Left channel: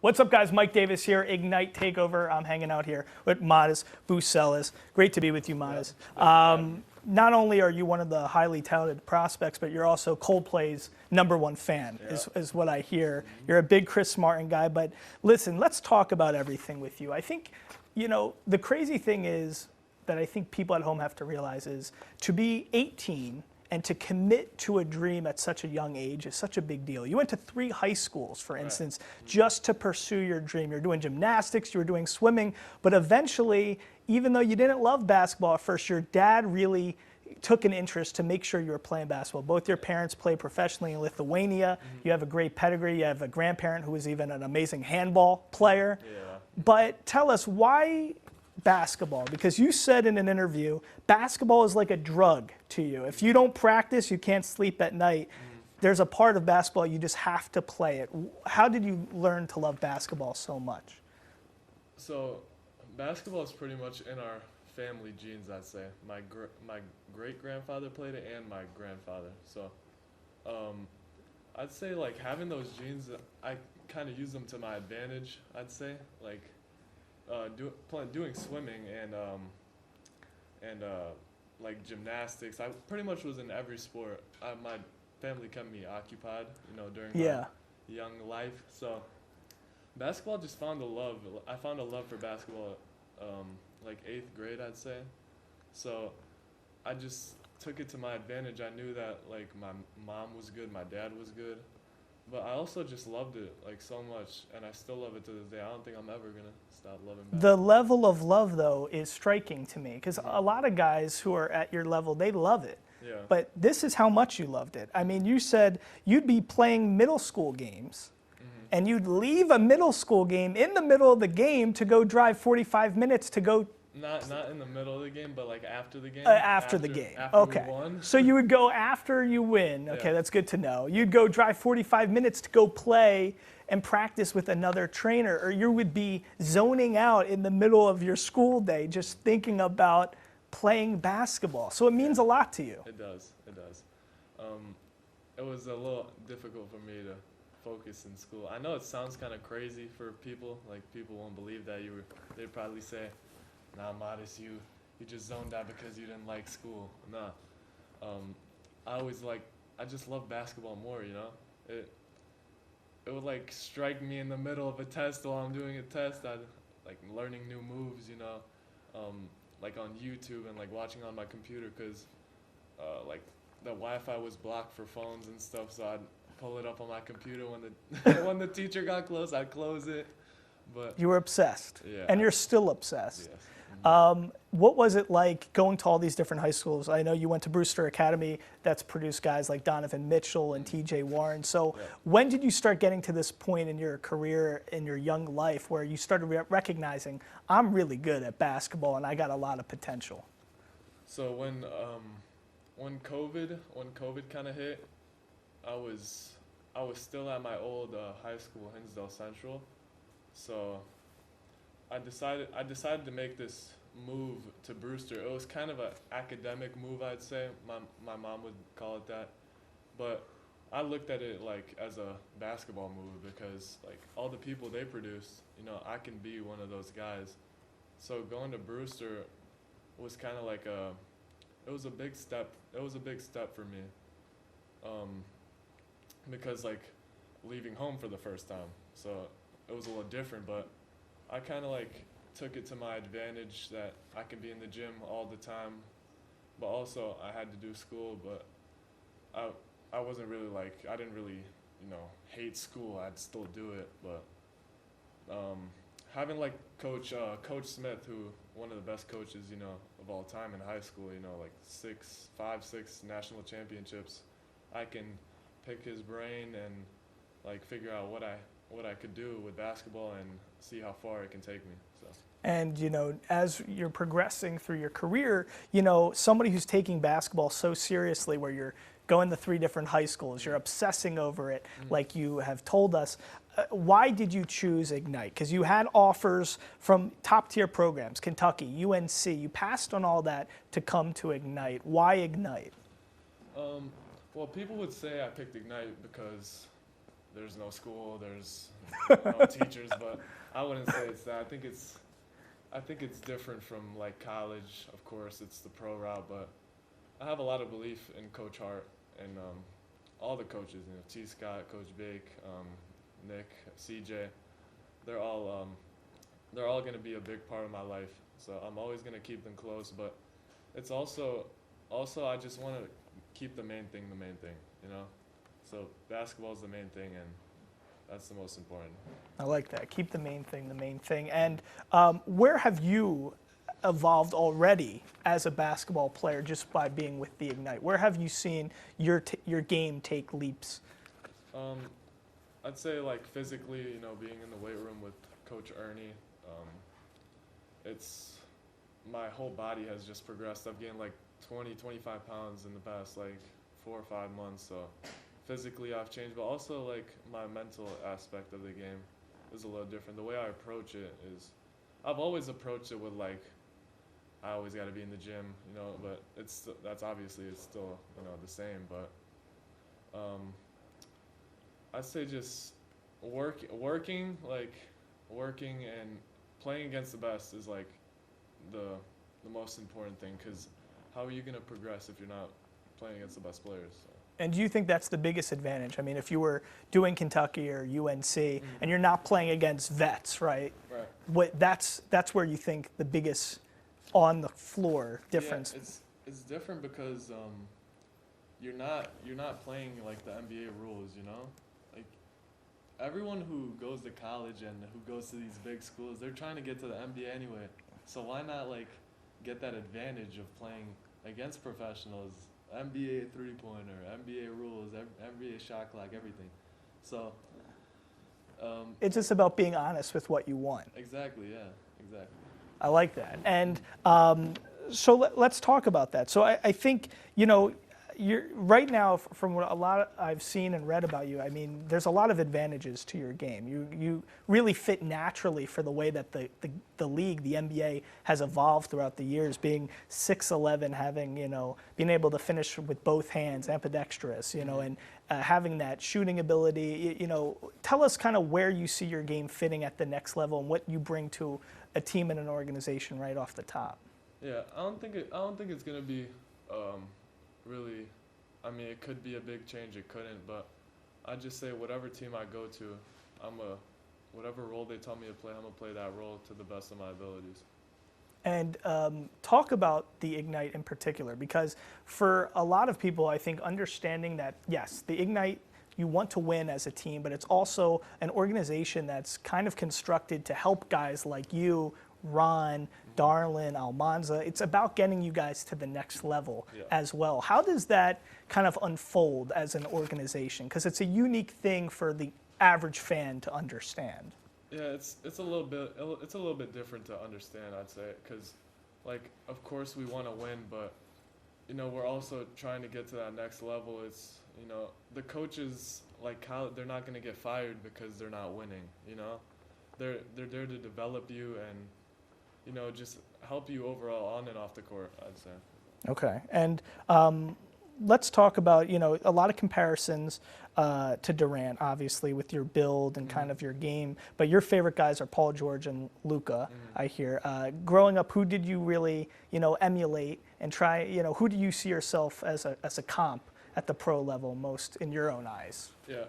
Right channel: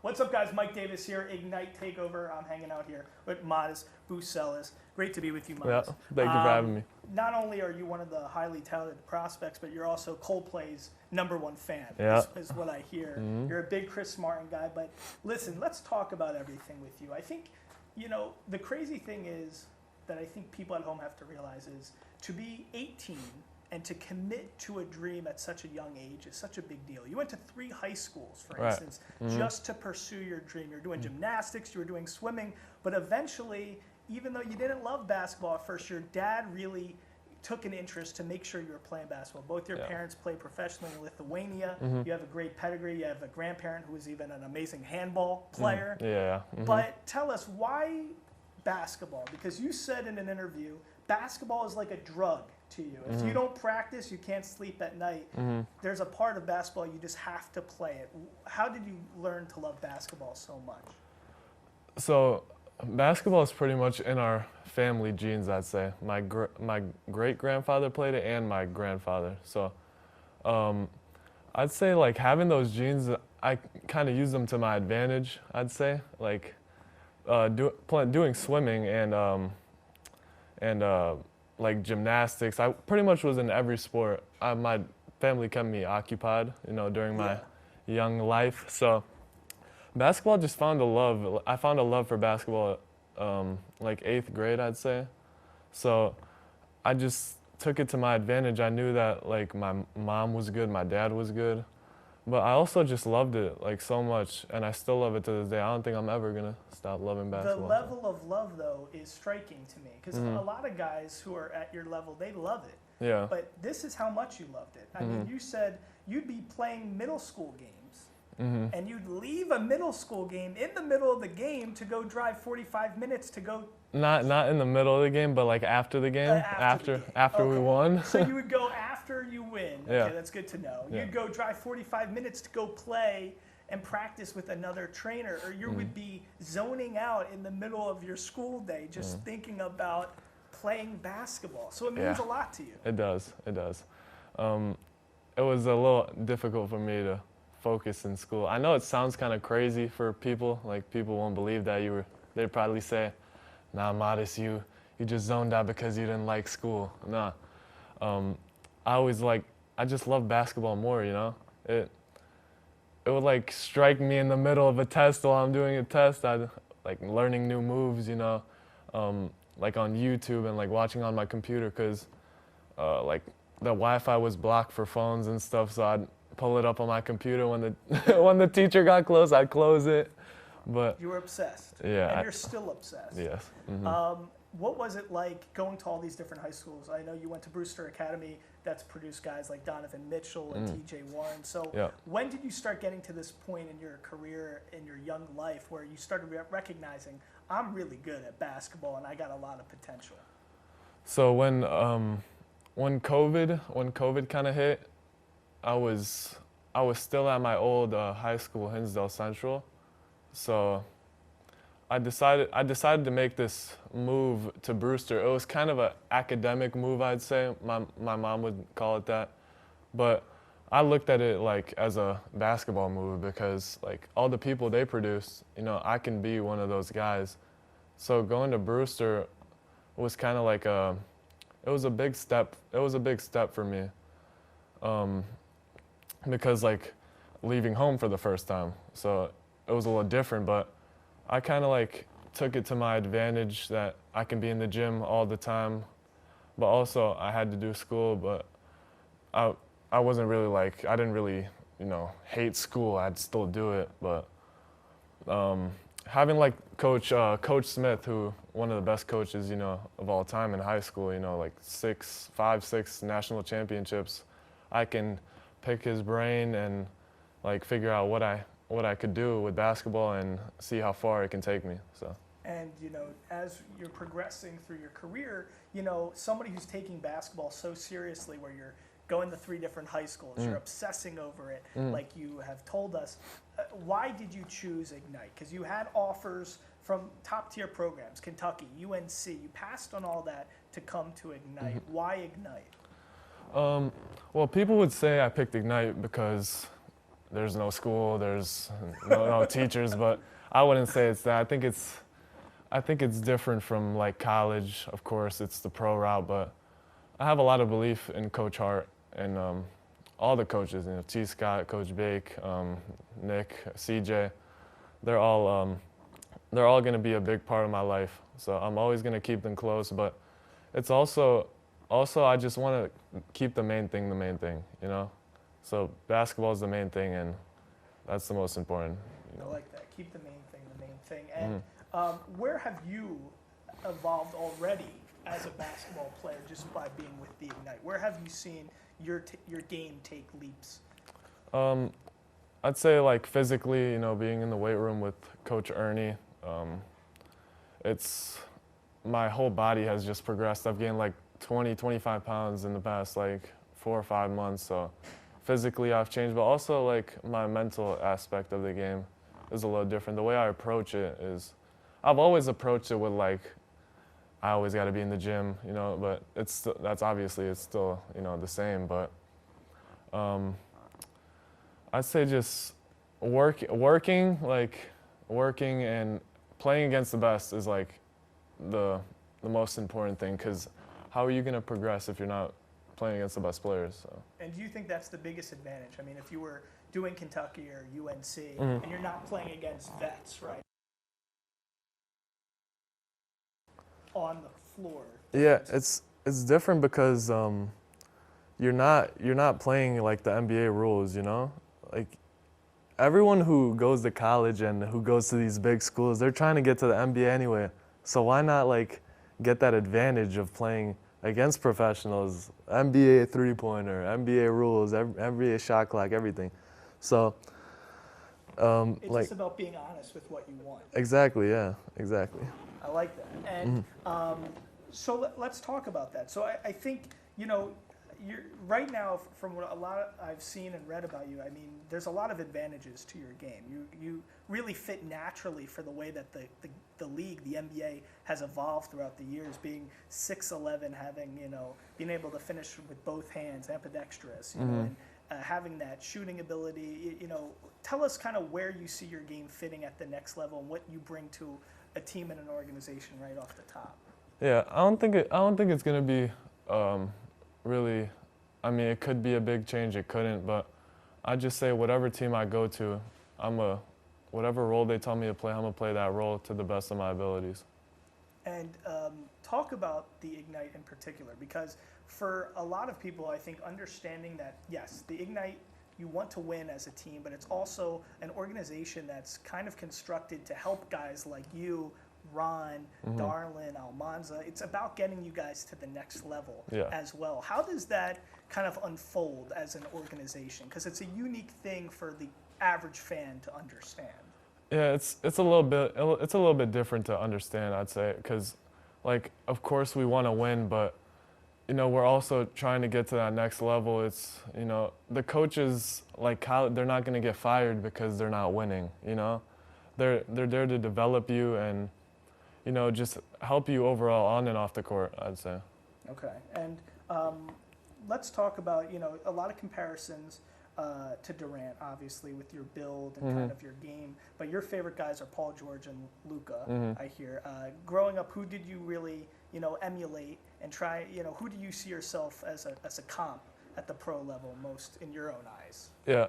What's up, guys? Mike Davis here, Ignite Takeover. I'm hanging out here with Maz Buzelis. Great to be with you, Maz. Yeah, thank you for having me. Not only are you one of the highly talented prospects, but you're also Coldplay's #1 fan, is what I hear. Mm-hmm. You're a big Chris Martin guy, but listen, let's talk about everything with you. I think, the crazy thing is that I think people at home have to realize is to be 18 and to commit to a dream at such a young age is such a big deal. You went to 3 high schools, for instance, just to pursue your dream. You're doing gymnastics, you were doing swimming, but eventually, even though you didn't love basketball at first, your dad really took an interest to make sure you were playing basketball. Both your parents play professionally in Lithuania. You have a great pedigree. You have a grandparent who was even an amazing handball player. But tell us, why basketball? Because you said in an interview, basketball is like a drug to you. If you don't practice, you can't sleep at night. There's a part of basketball you just have to play it. How did you learn to love basketball so much? So basketball is pretty much in our family genes, I'd say. My great-grandfather played it and my grandfather. So I'd say like having those genes, I kind of use them to my advantage, I'd say. Like doing swimming and like gymnastics. I pretty much was in every sport. My family kept me occupied, during my young life. So basketball just found a love. I found a love for basketball like 8th grade, I'd say. So I just took it to my advantage. I knew that like my mom was good, my dad was good. But I also just loved it like so much, and I still love it to this day. I don't think I'm ever gonna stop loving basketball. The level of love, though, is striking to me, because a lot of guys who are at your level, they love it. Yeah. But this is how much you loved it. I mean, you said you'd be playing middle school games, and you'd leave a middle school game in the middle of the game to go drive 45 minutes to go. Not in the middle of the game, but like after the game. After the game. After we won. So you would go after you win. Okay, Yeah. that's good to know. You'd go drive 45 minutes to go play and practice with another trainer, or you would be zoning out in the middle of your school day just thinking about playing basketball. So it means a lot to you. It does. It does. It was a little difficult for me to focus in school. I know it sounds kind of crazy for people. Like people won't believe that they'd probably say, "Nah, Modest, you just zoned out because you didn't like school." Nah. I just love basketball more, It would like strike me in the middle of a test while I'm doing a test. I'd like learning new moves, like on YouTube and like watching on my computer, because like the Wi-Fi was blocked for phones and stuff, so I'd pull it up on my computer when the when the teacher got close, I'd close it. But you were obsessed. Yeah. And you're still obsessed. Yes. What was it like going to all these different high schools? I know you went to Brewster Academy, that's produced guys like Donovan Mitchell and TJ Warren. So when did you start getting to this point in your career, in your young life, where you started recognizing, I'm really good at basketball and I got a lot of potential? So when COVID kind of hit, I was still at my old high school, Hinsdale Central. So I decided to make this move to Brewster. It was kind of an academic move, I'd say. My mom would call it that. But I looked at it like as a basketball move, because like all the people they produce, I can be one of those guys. So going to Brewster was kind of like it was a big step. It was a big step for me. Because like leaving home for the first time. So it was a little different, but I kind of like took it to my advantage that I can be in the gym all the time, but also I had to do school, but I wasn't really like, I didn't really, hate school. I'd still do it, but having like Coach Smith, who one of the best coaches, of all time in high school, like 5, 6 national championships, I can pick his brain and like figure out what I could do with basketball and see how far it can take me. So. And, as you're progressing through your career, somebody who's taking basketball so seriously, where you're going to 3 different high schools, you're obsessing over it, like you have told us, why did you choose Ignite? Because you had offers from top-tier programs, Kentucky, UNC. You passed on all that to come to Ignite. Why Ignite? Well, people would say I picked Ignite because there's no school, there's no teachers, but I wouldn't say it's that. I think it's different from like college. Of course, it's the pro route, but I have a lot of belief in Coach Hart and all the coaches. T. Scott, Coach Bake, Nick, CJ. They're all going to be a big part of my life. So I'm always going to keep them close. But it's also I just want to keep the main thing, So basketball is the main thing, and that's the most important. I like that. Keep the main thing the main thing. And where have you evolved already as a basketball player just by being with the Ignite? Where have you seen your game take leaps? I'd say like physically, being in the weight room with Coach Ernie, my whole body has just progressed. I've gained like 20, 25 pounds in the past like 4 or 5 months. So physically I've changed, but also like my mental aspect of the game is a little different. The way I approach it is, I've always approached it with like, I always got to be in the gym, but that's obviously it's still, the same. But I'd say just working and playing against the best is like the most important thing, because how are you going to progress if you're not playing against the best players? So. And do you think that's the biggest advantage? I mean, if you were doing Kentucky or UNC and you're not playing against vets, right? That's where you think the biggest on the floor difference. Yeah, it's different because you're not playing like the NBA rules, Like everyone who goes to college and who goes to these big schools, they're trying to get to the NBA anyway. So why not like get that advantage of playing against professionals, NBA three-pointer, NBA rules, NBA shot clock, everything. So it's just about being honest with what you want. Exactly, yeah, exactly. I like that. And so let's talk about that. So I think, you're right now, from what a lot I've seen and read about you, I mean, there's a lot of advantages to your game. You really fit naturally for the way that the league, the NBA, has evolved throughout the years, being 6'11", having, being able to finish with both hands, ambidextrous, and having that shooting ability. Tell us kind of where you see your game fitting at the next level and what you bring to a team and an organization right off the top. Yeah, I don't think it's going to be really, I mean, it could be a big change, it couldn't, but I just say whatever team I go to, whatever role they tell me to play, I'm going to play that role to the best of my abilities. And talk about the Ignite in particular, because for a lot of people, I think understanding that, yes, the Ignite, you want to win as a team, but it's also an organization that's kind of constructed to help guys like you, Ron, Darlin, Almanza. It's about getting you guys to the next level as well. How does that kind of unfold as an organization? Because it's a unique thing for the average fan to understand. Yeah, it's a little bit different to understand, I'd say, because like of course we want to win, but we're also trying to get to that next level. It's the coaches like they're not going to get fired because they're not winning. They're there to develop you and just help you overall on and off the court, I'd say. Okay. And let's talk about, a lot of comparisons to Durant, obviously, with your build and kind of your game. But your favorite guys are Paul George and Luka, I hear. Growing up, who did you really, emulate and try, who do you see yourself as a comp at the pro level most in your own eyes? Yeah.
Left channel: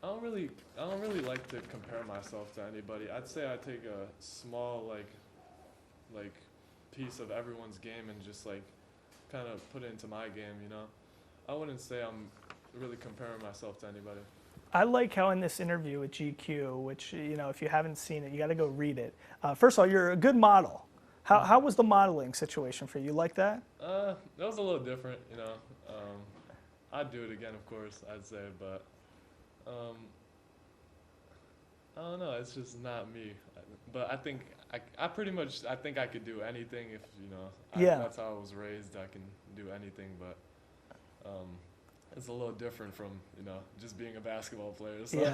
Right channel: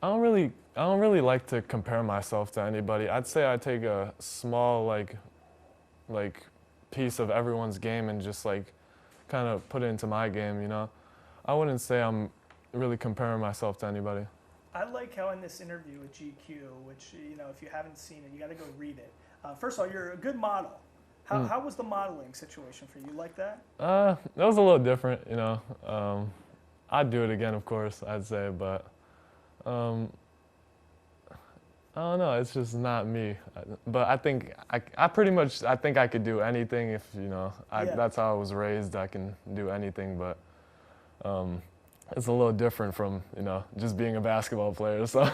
I don't really like to compare myself to anybody. I'd say I take a small like piece of everyone's game and just like kind of put it into my game, I wouldn't say I'm really comparing myself to anybody. I like how in this interview with GQ, which, if you haven't seen it, you got to go read it. First of all, you're a good model. How was the modeling situation for you? You like that? That was a little different, I'd do it again, of course, I'd say, but I don't know. It's just not me. But I think I think I could do anything if that's how I was raised. I can do anything, but it's a little different from just being a basketball player. So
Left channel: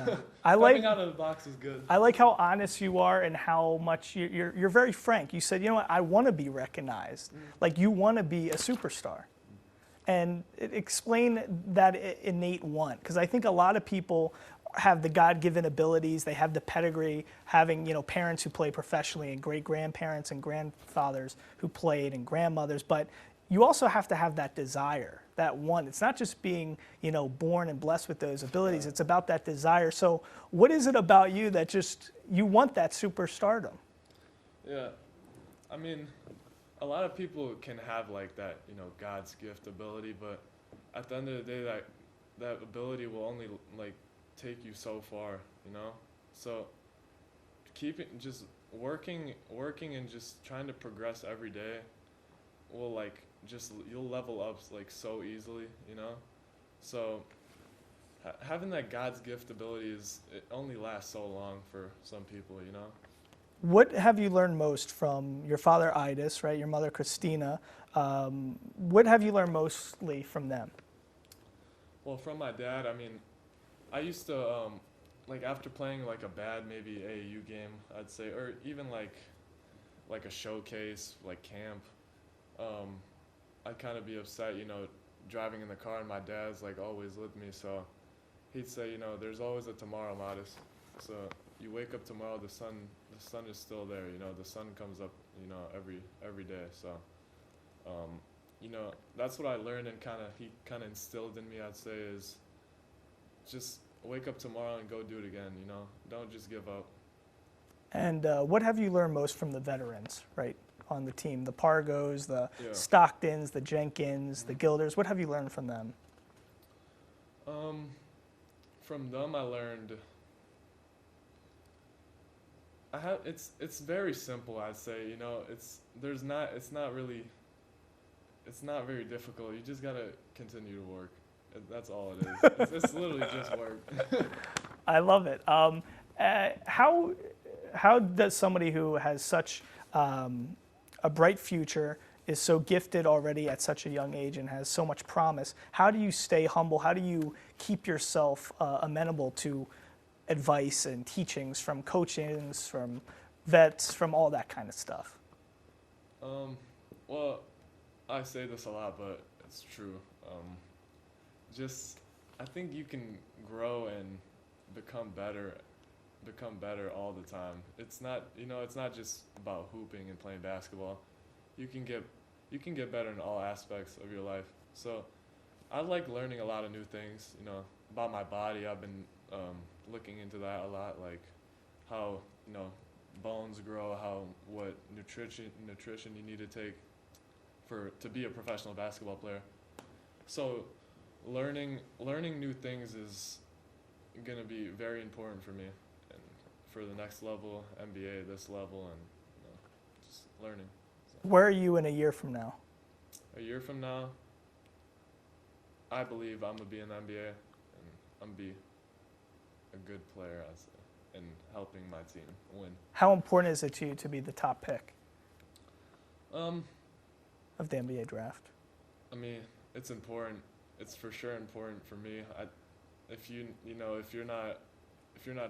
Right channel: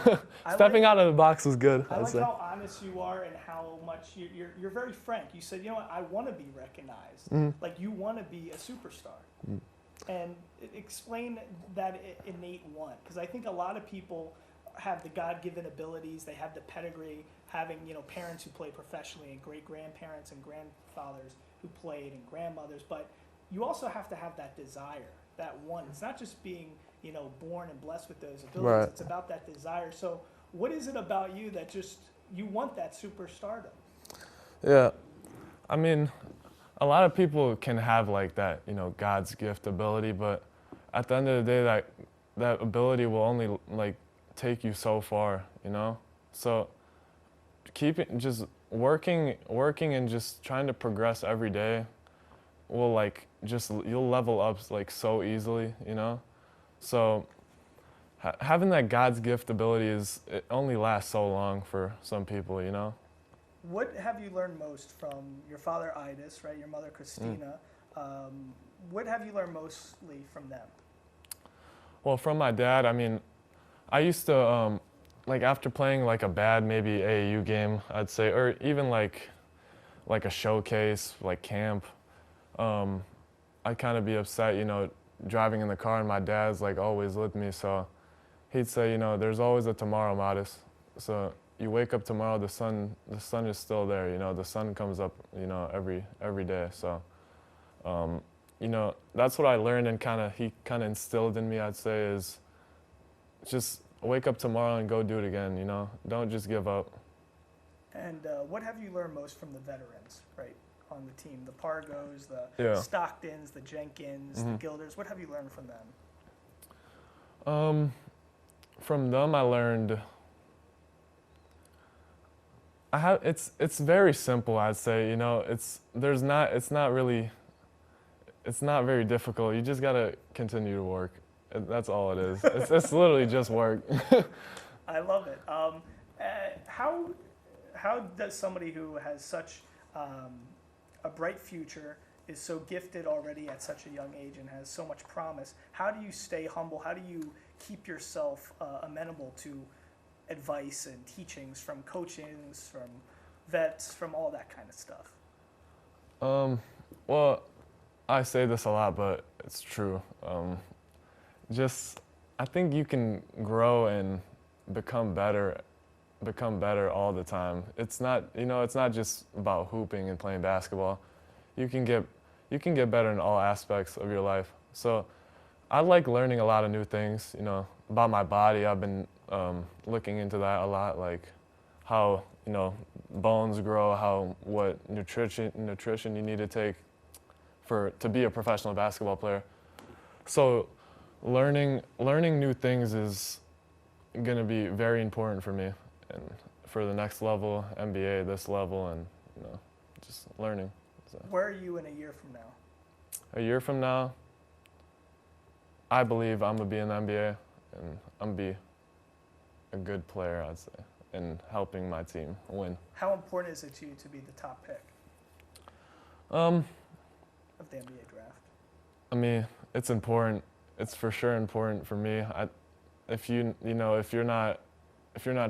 stepping out of the box was good. I like how honest you are and how much you're very frank. You said, what, I want to be recognized. Like you want to be a superstar. And explain that innate want, because I think a lot of people have the God-given abilities, they have the pedigree, having, you know, parents who play professionally and great-grandparents and grandfathers who played and grandmothers, but you also have to have that desire, that one. It's not just being, you know, born and blessed with those abilities. Right. It's about that desire. So what is it about you that just, you want that superstardom? Yeah, I mean, a lot of people can have like that, you know, God's gift ability, but at the end of the day, that ability will only like take you so far, you know? So just working and just trying to progress every day will like you'll level up like so easily, you know? So having that God's gift ability it only lasts so long for some people, you know? What have you learned most from your father, Idis, right? Your mother, Christina. What have you learned mostly from them? Well, from my dad, I mean, I used to, like after playing like a bad maybe AAU game, I'd say, or even like a showcase, like camp, I'd kind of be upset, you know, driving in the car and my dad's like always with me. So he'd say, you know, there's always a tomorrow, Modest. So you wake up tomorrow, the sun is still there, you know, the sun comes up, you know, every day. So, you know, that's what I learned and he kind of instilled in me, I'd say, is just wake up tomorrow and go do it again, you know? Don't just give up. And what have you learned most from the veterans, right, on the team? The Pargos, the Yeah. Stocktons, the Jenkins, the Gilders. What have you learned from them? From them, I learned it's very simple, I'd say, you know, it's not very difficult. You just gotta continue to work. That's all it is. It's literally just work. I love it. How does somebody who has such a bright future, is so gifted already at such a young age and has so much promise, how do you stay humble? How do you keep yourself amenable to advice and teachings from coachings, from vets, from all that kind of stuff? Well, I say this a lot, but it's true. I think you can grow and become better all the time. It's not, you know, it's not just about hooping and playing basketball. You can get better in all aspects of your life. So I like learning a lot of new things, you know, about my body. I've been looking into that a lot, like how, you know, bones grow, what nutrition you need to take to be a professional basketball player. So learning new things is going to be very important for me and for the next level, NBA, this level, and, you know, just learning. So. Where are you in a year from now? A year from now, I believe I'm going to be in the NBA and I'm going to be a good player, I'd say, and helping my team win. How important is it to you to be the top pick of the NBA draft? I mean, it's important. It's for sure important for me. If you're not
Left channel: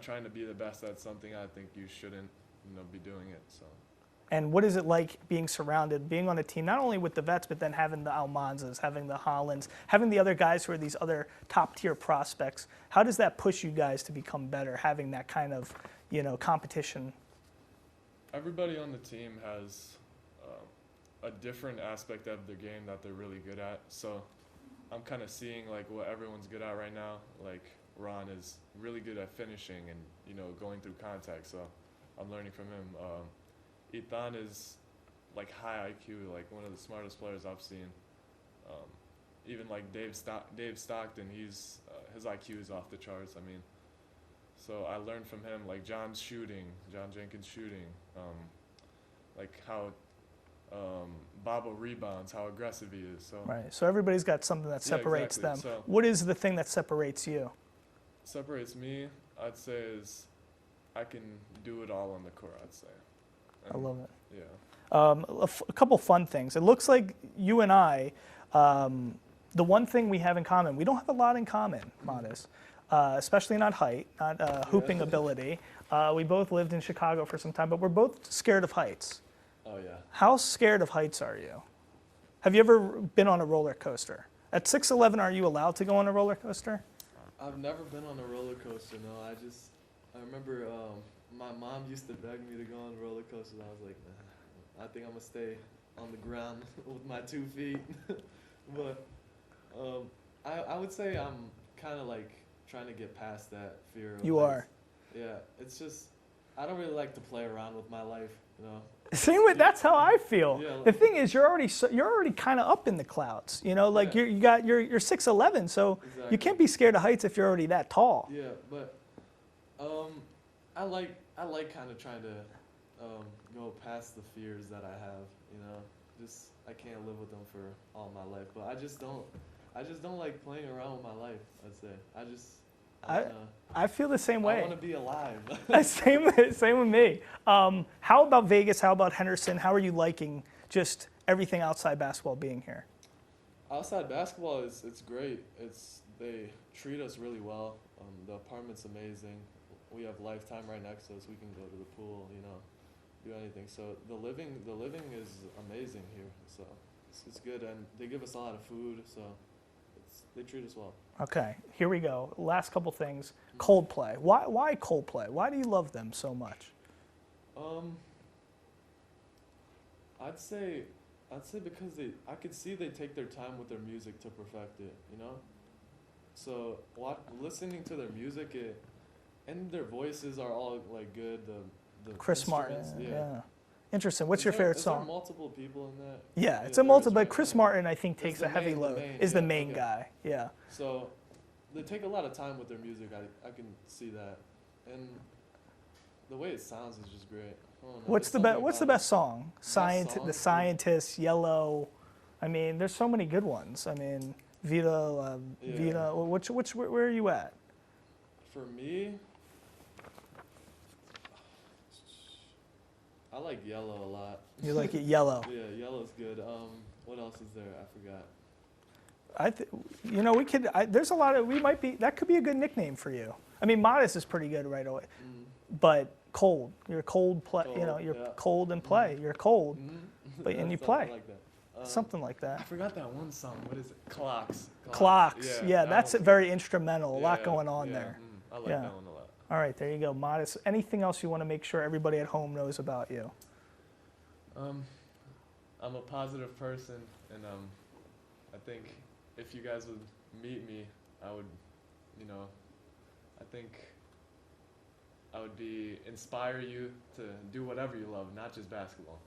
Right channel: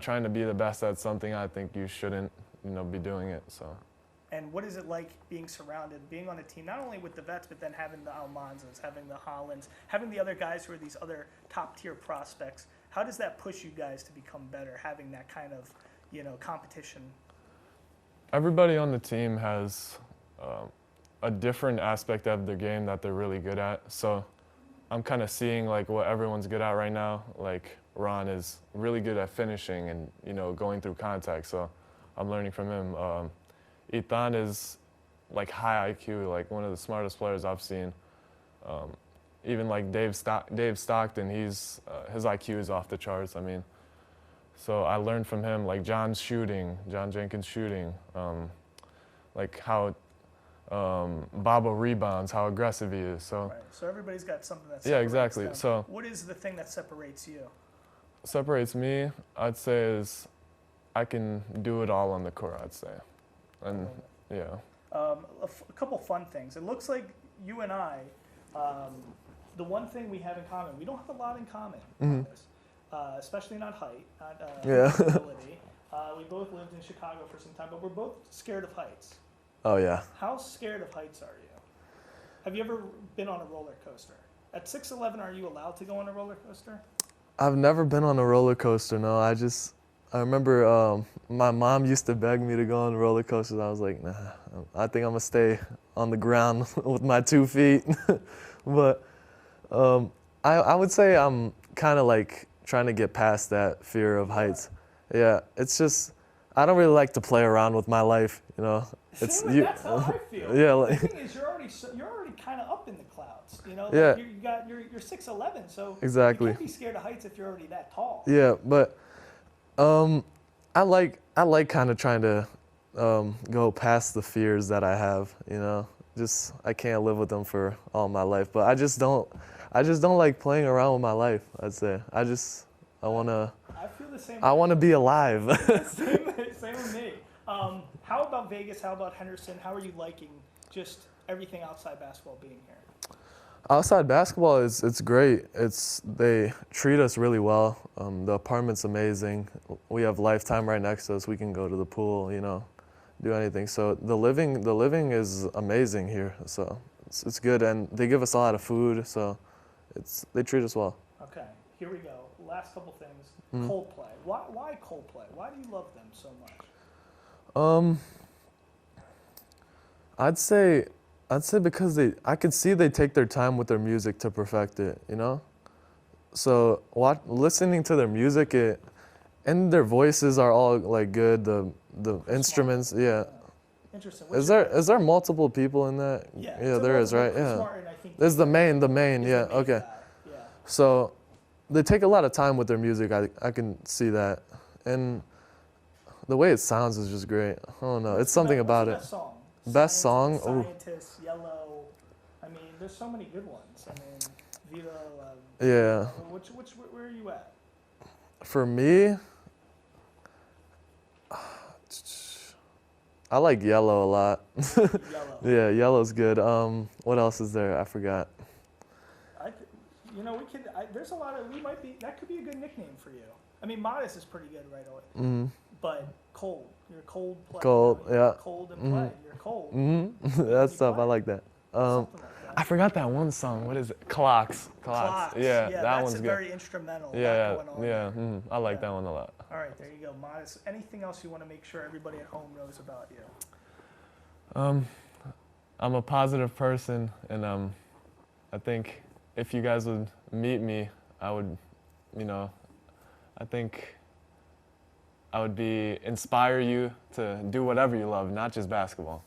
trying to be the best at something, I think you shouldn't, you know, be doing it. So. And what is it like being surrounded, being on a team, not only with the vets, but then having the Almanzas, having the Hollands, having the other guys who are these other top-tier prospects? How does that push you guys to become better, having that kind of, you know, competition? Everybody on the team has a different aspect of their game that they're really good at. So I'm kind of seeing like what everyone's good at right now. Like Ron is really good at finishing and, you know, going through contact. So I'm learning from him. Ethan is like high IQ, like one of the smartest players I've seen. Even like Dave Stockton, his IQ is off the charts. I mean, so I learned from him, like John Jenkins shooting, like how Babo rebounds, how aggressive he is. So right. So everybody's got something that separates them. So what is the thing that separates you? Separates me, I'd say, is I can do it all on the court, I'd say. And, I love it. Yeah. A couple fun things. It looks like you and I, the one thing we have in common, we don't have a lot in common on this, especially not height, not hooping ability. We both lived in Chicago for some time, but we're both scared of heights. Oh, yeah. How scared of heights are you? Have you ever been on a roller coaster? At 6'11", are you allowed to go on a roller coaster? I've never been on a roller coaster. No, I remember my mom used to beg me to go on roller coasters. I was like, nah, I think I'm gonna stay on the ground with my 2 feet. But I would say I'm kind of like trying to get past that fear of heights. Yeah, it's just I don't really like to play around with my life, you know. That's how I feel. Yeah, the thing is, you're already kind of up in the clouds, you know. Like you're 6'11", so exactly. you can't be scared of heights if you're already that tall. Yeah, but I like kind of trying to go past the fears that I have, you know. Just I can't live with them for all my life, but I just don't like playing around with my life. I'd say I feel the same way. I want to be alive. same with me. How about Vegas? How about Henderson? How are you liking just everything outside basketball being here? Outside basketball it's great. They treat us really well. The apartment's amazing. We have Lifetime right next to us. We can go to the pool, you know, do anything. So the living is amazing here. So it's good, and they give us a lot of food. So they treat us well. Okay, here we go. Last couple things. Coldplay. Why Coldplay? Why do you love them so much? I'd say because I could see they take their time with their music to perfect it, you know? So listening to their music, and their voices are all like good, the Chris instruments, Martin, yeah. Interesting. What's your favorite song? Is there multiple people in that? Yeah, it's a multiple, right? but Chris Martin, I think, is the main okay. guy. Yeah. So they take a lot of time with their music. I can see that. And the way it sounds is just great. I don't know. It's something about it. What's the best song? Best song? The Scientist, Yellow. I mean, there's so many good ones. I mean, Viva. Yeah. Viva. Where are you at? For me, I like Yellow a lot. You like it, Yellow. Yeah, Yellow's good. What else is there? I forgot. We could. There's a lot of. That could be a good nickname for you. I mean, Modest is pretty good right away. Mm-hmm. But cold. You're cold play. Cold, you're cold and play. You're cold. Mm-hmm. That's stuff. I like that. Something like that. I forgot that one song. What is it? Clocks. Yeah, that's very instrumental. A lot going on there. Mm-hmm. I like that one a lot. All right, there you go. Modest. Anything else you want to make sure everybody at home knows about you? I'm a positive person, and I think if you guys would meet me, I would, I think I would inspire you to do whatever you love, not just basketball,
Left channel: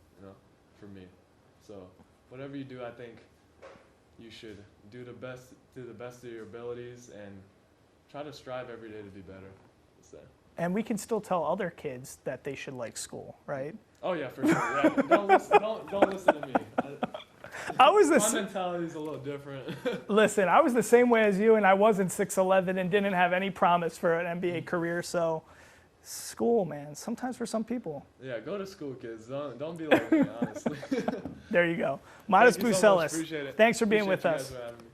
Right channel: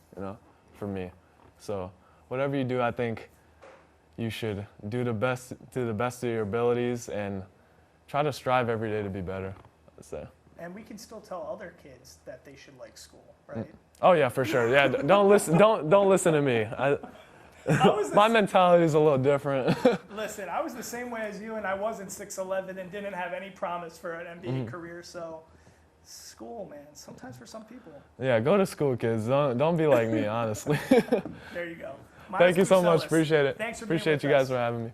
for me. So whatever you do, I think you should do the best of your abilities and try to strive every day to be better. So. And we can still tell other kids that they should like school, right? Oh yeah, for sure. Yeah, don't listen to me. My mentality is a little different. Listen, I was the same way as you, and I wasn't 6'11" and didn't have any promise for an NBA career. So, school, man. Sometimes for some people. Yeah, go to school, kids. Don't be like me, honestly. There you go. Thank you so much. Appreciate it. Thanks for being with us. Appreciate you guys for having me.